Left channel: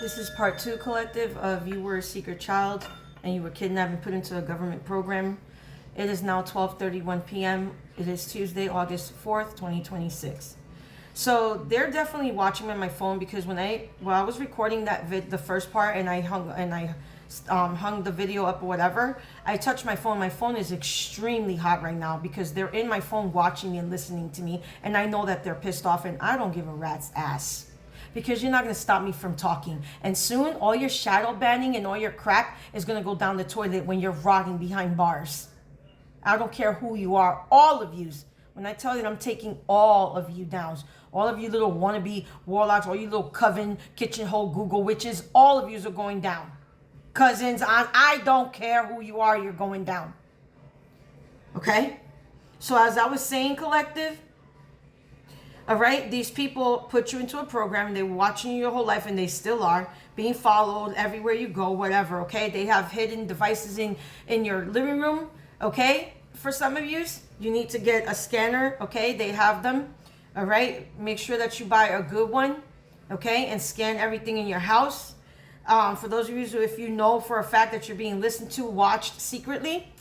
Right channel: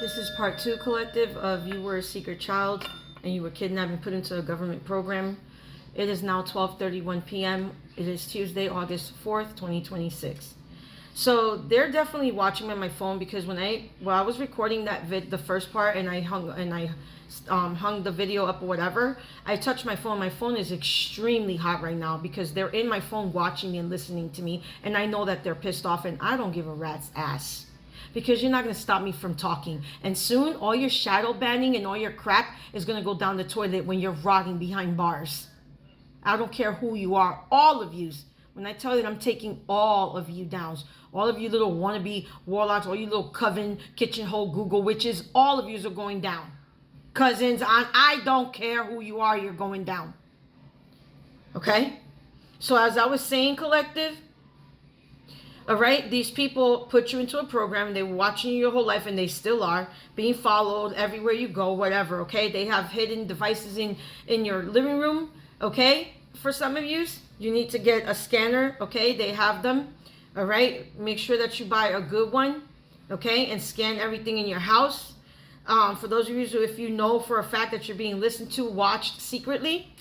This is part 2, collective, of you were a secret child and you were kidnapped and put into a government program. It is now 12:31 p.m. It is Tuesday, August 4th, 2026. So they're definitely watching me on my phone because when I was recording that the first part, and I hung the video up or whatever, I touched my phone. My phone is extremely hot right now because they're in my phone watching me and listening to me, and I know that they're pissed off, and I don't give a rat's ass. Because you're not going to stop me from talking. And soon, all your shadow banning and all your crap is going to go down the toilet when you're rotting behind bars. I don't care who you are. All of yous. When I tell you that I'm taking all of you down. All of you little wannabe warlocks. All you little coven, kitchen hole, Google witches. All of yous are going down. Cousins, I don't care who you are. You're going down. Okay? So as I was saying, collective, all right, these people put you into a program and they were watching you your whole life, and they still are being followed everywhere you go, whatever, okay? They have hidden devices in your living room, okay? For some of you need to get a scanner, okay? They have them, all right? Make sure that you buy a good one, okay? And scan everything in your house. For those of you who, if you know for a fact that you're being listened to, watched secretly,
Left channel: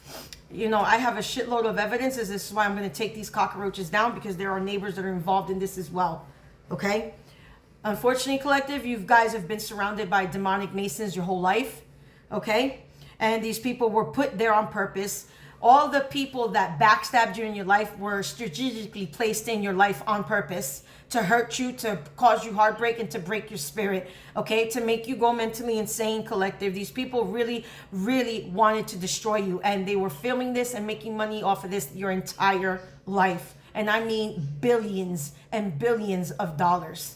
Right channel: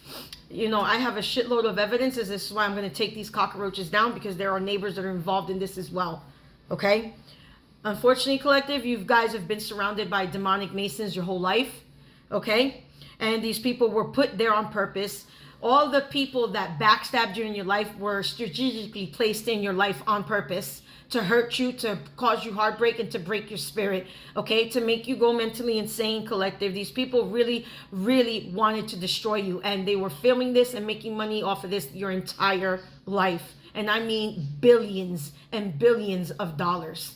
you know, I have a shitload of evidence. This is why I'm going to take these cockroaches down, because there are neighbors that are involved in this as well. Okay? Unfortunately, collective, you guys have been surrounded by demonic masons your whole life. Okay? And these people were put there on purpose. All the people that backstabbed you in your life were strategically placed in your life on purpose to hurt you, to cause you heartbreak, and to break your spirit, okay? To make you go mentally insane, collective. These people really, really wanted to destroy you, and they were filming this and making money off of this your entire life. And I mean billions and billions of dollars.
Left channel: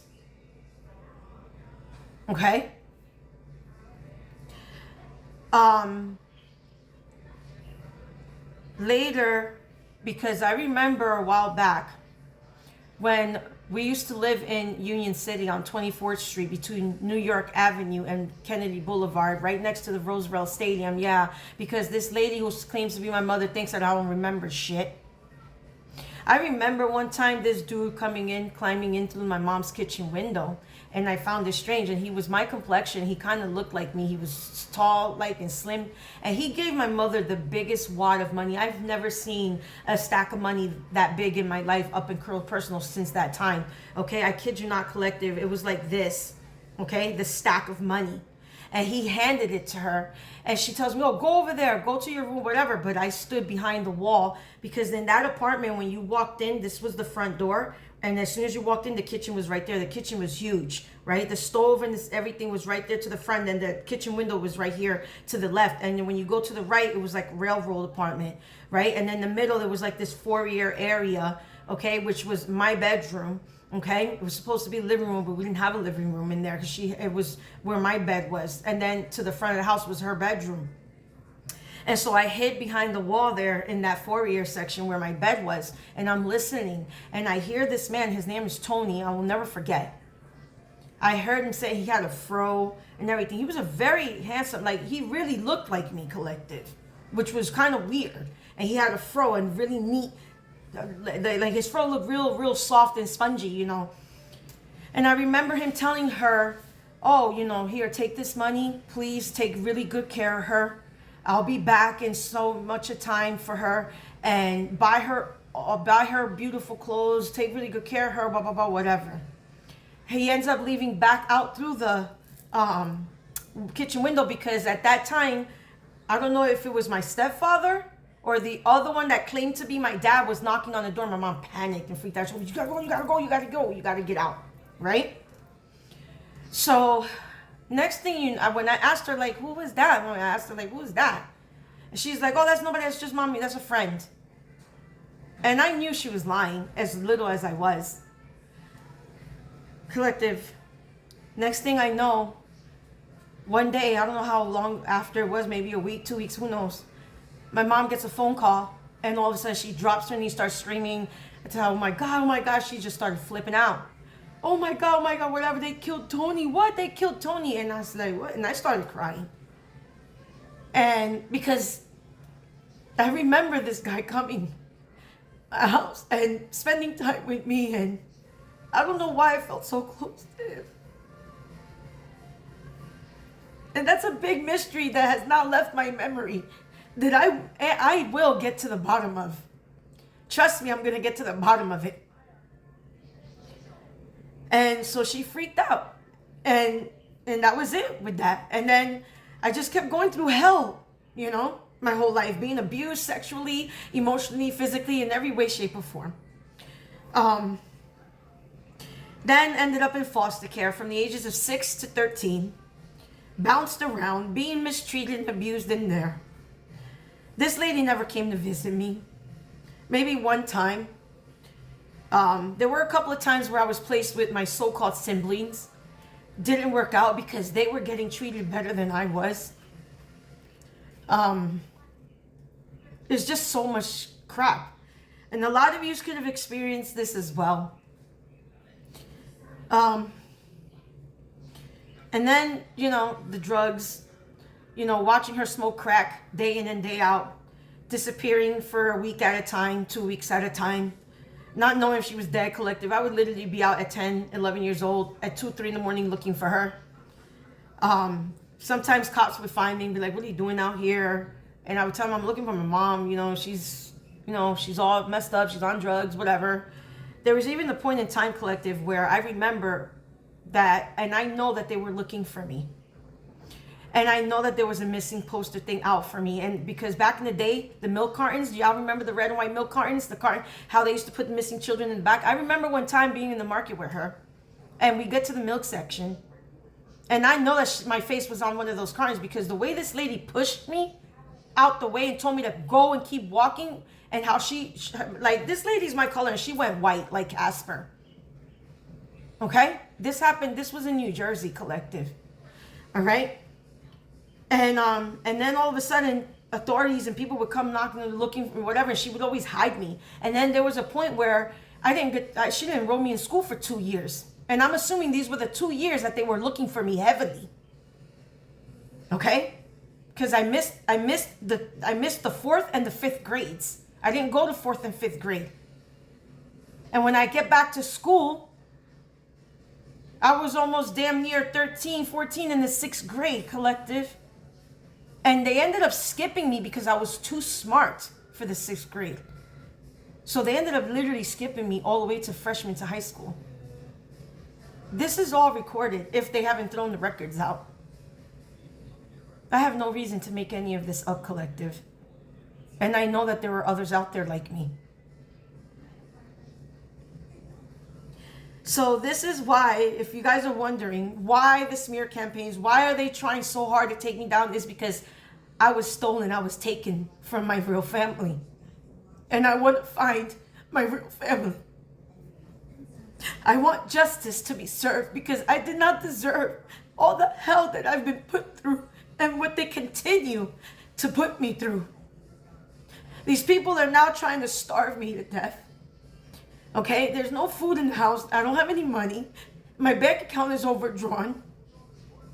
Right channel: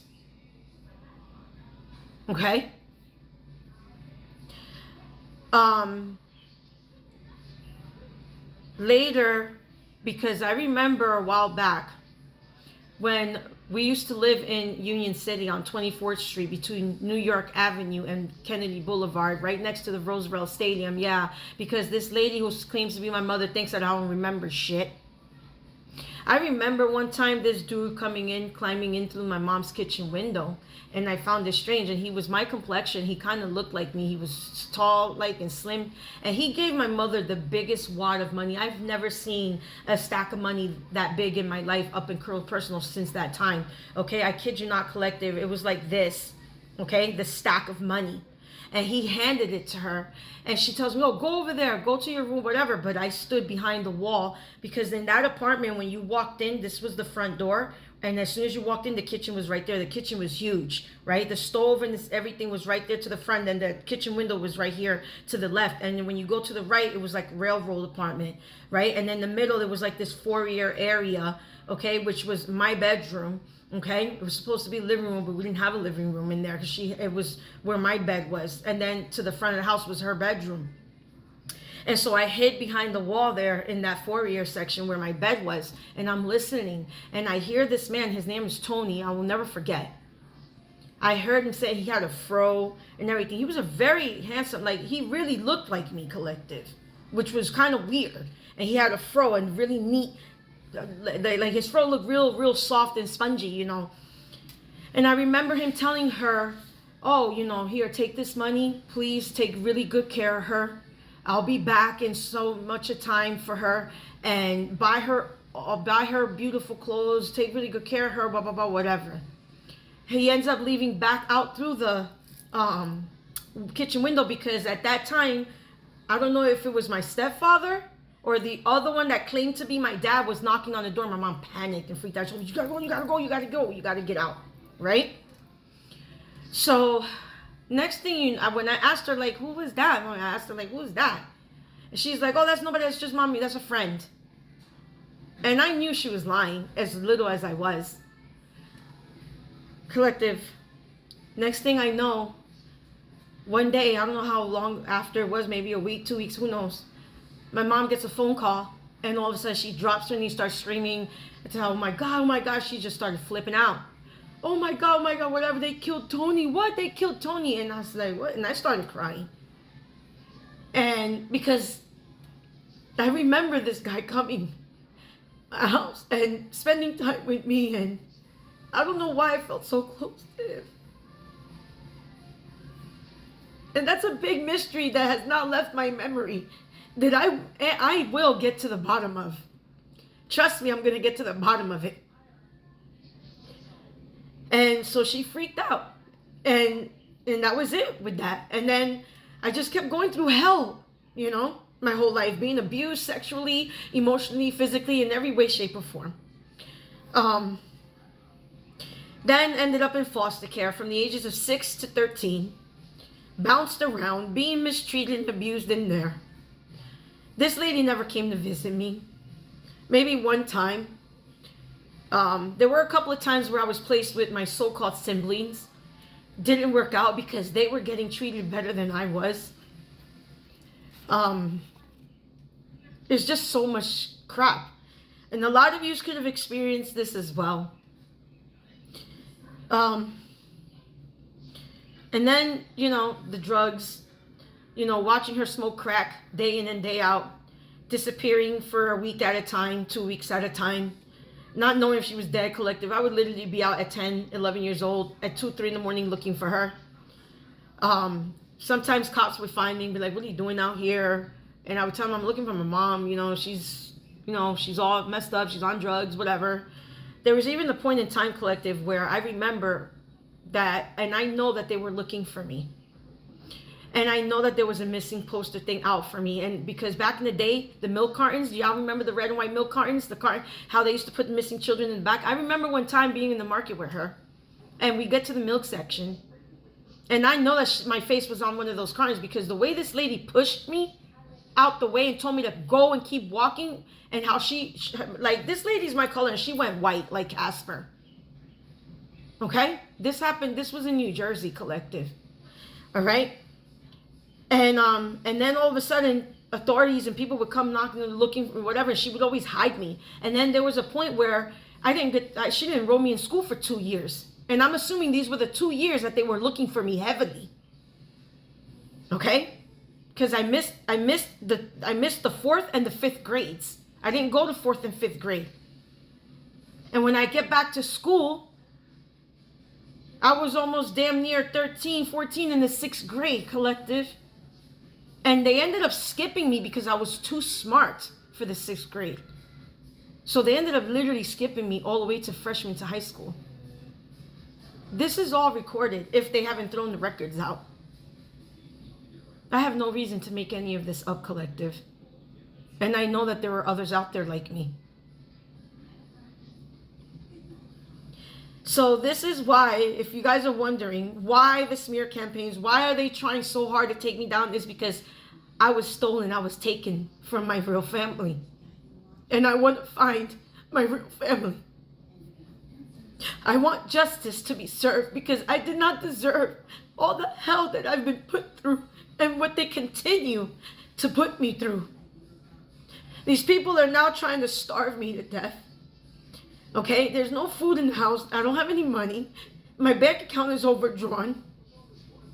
Okay? Later, because I remember a while back when we used to live in Union City on 24th Street between New York Avenue and Kennedy Boulevard, right next to the Roosevelt Stadium. Yeah, because this lady who claims to be my mother thinks that I don't remember shit. I remember one time this dude climbing in through my mom's kitchen window, and I found it strange, and he was my complexion. He kind of looked like me. He was tall, like, and slim, and he gave my mother the biggest wad of money. I've never seen a stack of money that big in my life up in Curl Personal since that time. Okay, I kid you not, collective. It was like this, okay, the stack of money. And he handed it to her, and she tells me, oh, go over there, go to your room, whatever. But I stood behind the wall, because in that apartment, when you walked in, this was the front door. And as soon as you walked in, the kitchen was right there. The kitchen was huge, right? The stove and everything was right there to the front, and the kitchen window was right here to the left. And then when you go to the right, it was like railroad apartment, right? And in the middle, there was like this foyer area, okay, which was my bedroom. Okay, it was supposed to be a living room, but we didn't have a living room in there because it was where my bed was. And then to the front of the house was her bedroom. And so I hid behind the wall there in that foyer section where my bed was, and I'm listening. And I hear this man, his name is Tony, I will never forget. I heard him say he had a fro and everything. He was a very handsome, like, he really looked like me, collective, which was kind of weird. And he had a fro and really neat, like his fro looked real soft and spongy, you know. And I remember him telling her, oh, you know, here, take this money, please take really good care of her. I'll be back in so much a time for her, and buy her beautiful clothes, take really good care of her, blah blah blah, whatever. He ends up leaving back out through the kitchen window, because at that time, I don't know if it was my stepfather or the other one that claimed to be my dad was knocking on the door. My mom panicked and freaked out. She said, you gotta go, you gotta go, you gotta go, you gotta get out, right? So next thing when I asked her, like, who was that? I asked her, like, who is that? And she's like, oh, that's nobody, that's just mommy, that's a friend. And I knew she was lying, as little as I was. Collective, next thing I know, one day, I don't know how long after it was, maybe a week, 2 weeks, who knows, my mom gets a phone call, and all of a sudden she drops her and starts screaming. It's oh my God, she just started flipping out. Oh my God, whatever, they killed Tony. What? They killed Tony. And I was like, what? And I started crying. And because I remember this guy coming to my house and spending time with me, and I don't know why I felt so close to him. And that's a big mystery that has not left my memory, that I will get to the bottom of. Trust me, I'm going to get to the bottom of it. And so she freaked out. And that was it with that. And then I just kept going through hell, you know, my whole life, being abused sexually, emotionally, physically, in every way, shape, or form. Then ended up in foster care from the ages of 6 to 13. Bounced around, being mistreated and abused in there. This lady never came to visit me. Maybe one time. There were a couple of times where I was placed with my so-called siblings. Didn't work out because they were getting treated better than I was. There's just so much crap. And a lot of you could have experienced this as well. And then, you know, the drugs, you know, watching her smoke crack day in and day out, disappearing for a week at a time, 2 weeks at a time, not knowing if she was dead, collective. I would literally be out at 10, 11 years old, at 2, 3 in the morning looking for her. Sometimes cops would find me and be like, what are you doing out here? And I would tell them I'm looking for my mom. You know, she's all messed up. She's on drugs, whatever. There was even a point in time, collective, where I remember that, and I know that they were looking for me. And I know that there was a missing poster thing out for me. And because back in the day, the milk cartons, do y'all remember the red and white milk cartons? The carton, how they used to put the missing children in the back? I remember one time being in the market with her. And we get to the milk section. And I know that my face was on one of those cartons because the way this lady pushed me out the way and told me to go and keep walking, and how she like, this lady's my color and she went white like Casper. Okay? This happened, this was in New Jersey, collective. All right? And then all of a sudden, authorities and people would come knocking and looking for whatever, and she would always hide me. And then there was a point where she didn't enroll me in school for 2 years. And I'm assuming these were the 2 years that they were looking for me heavily. Okay? Because I missed the 4th and the 5th grades. I didn't go to 4th and 5th grade. And when I get back to school, I was almost damn near 13, 14 in the 6th grade, collective. And they ended up skipping me because I was too smart for the 6th grade. So they ended up literally skipping me all the way to freshman to high school. This is all recorded if they haven't thrown the records out. I have no reason to make any of this up, collective. And I know that there are others out there like me. So this is why, if you guys are wondering, why the smear campaigns, why are they trying so hard to take me down, is because I was stolen, I was taken from my real family. And I want to find my real family. I want justice to be served because I did not deserve all the hell that I've been put through and what they continue to put me through. These people are now trying to starve me to death. Okay, there's no food in the house. I don't have any money. My bank account is overdrawn.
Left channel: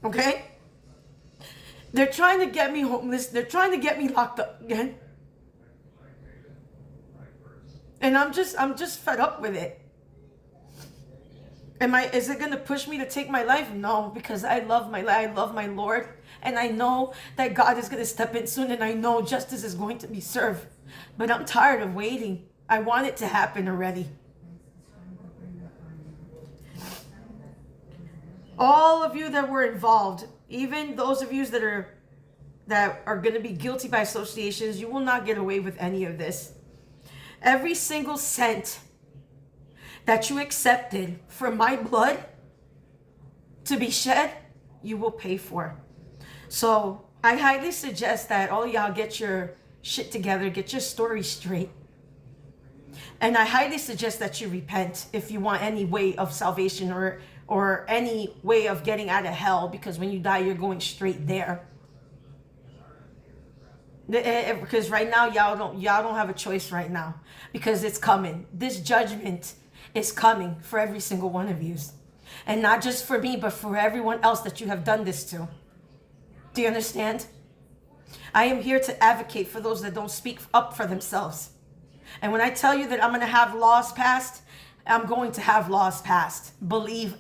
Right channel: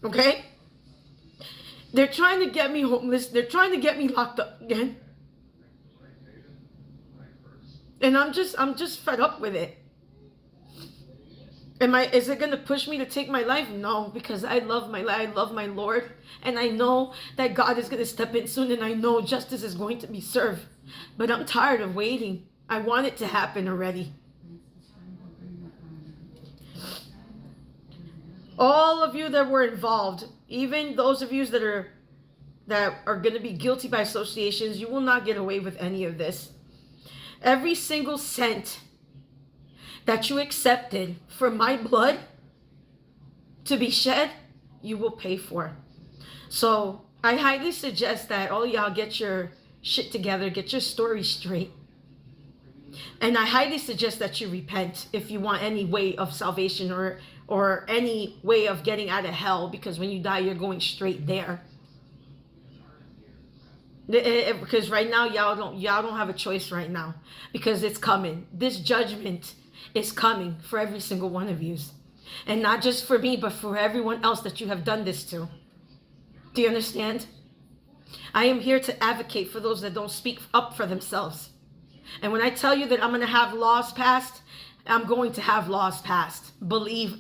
Okay? They're trying to get me homeless. They're trying to get me locked up again. And I'm just fed up with it. Is it going to push me to take my life? No, because I love my life. I love my Lord. And I know that God is going to step in soon, and I know justice is going to be served. But I'm tired of waiting. I want it to happen already. All of you that were involved, even those of you that are going to be guilty by associations, you will not get away with any of this. Every single cent that you accepted for my blood to be shed, you will pay for. So I highly suggest that all y'all get your shit together, get your story straight. And I highly suggest that you repent if you want any way of salvation or any way of getting out of hell, because when you die, you're going straight there. Because right now, y'all don't have a choice right now, because it's coming. This judgment is coming for every single one of you. And not just for me, but for everyone else that you have done this to. Do you understand? I am here to advocate for those that don't speak up for themselves. And when I tell you that I'm going to have laws passed, I'm going to have laws passed. Believe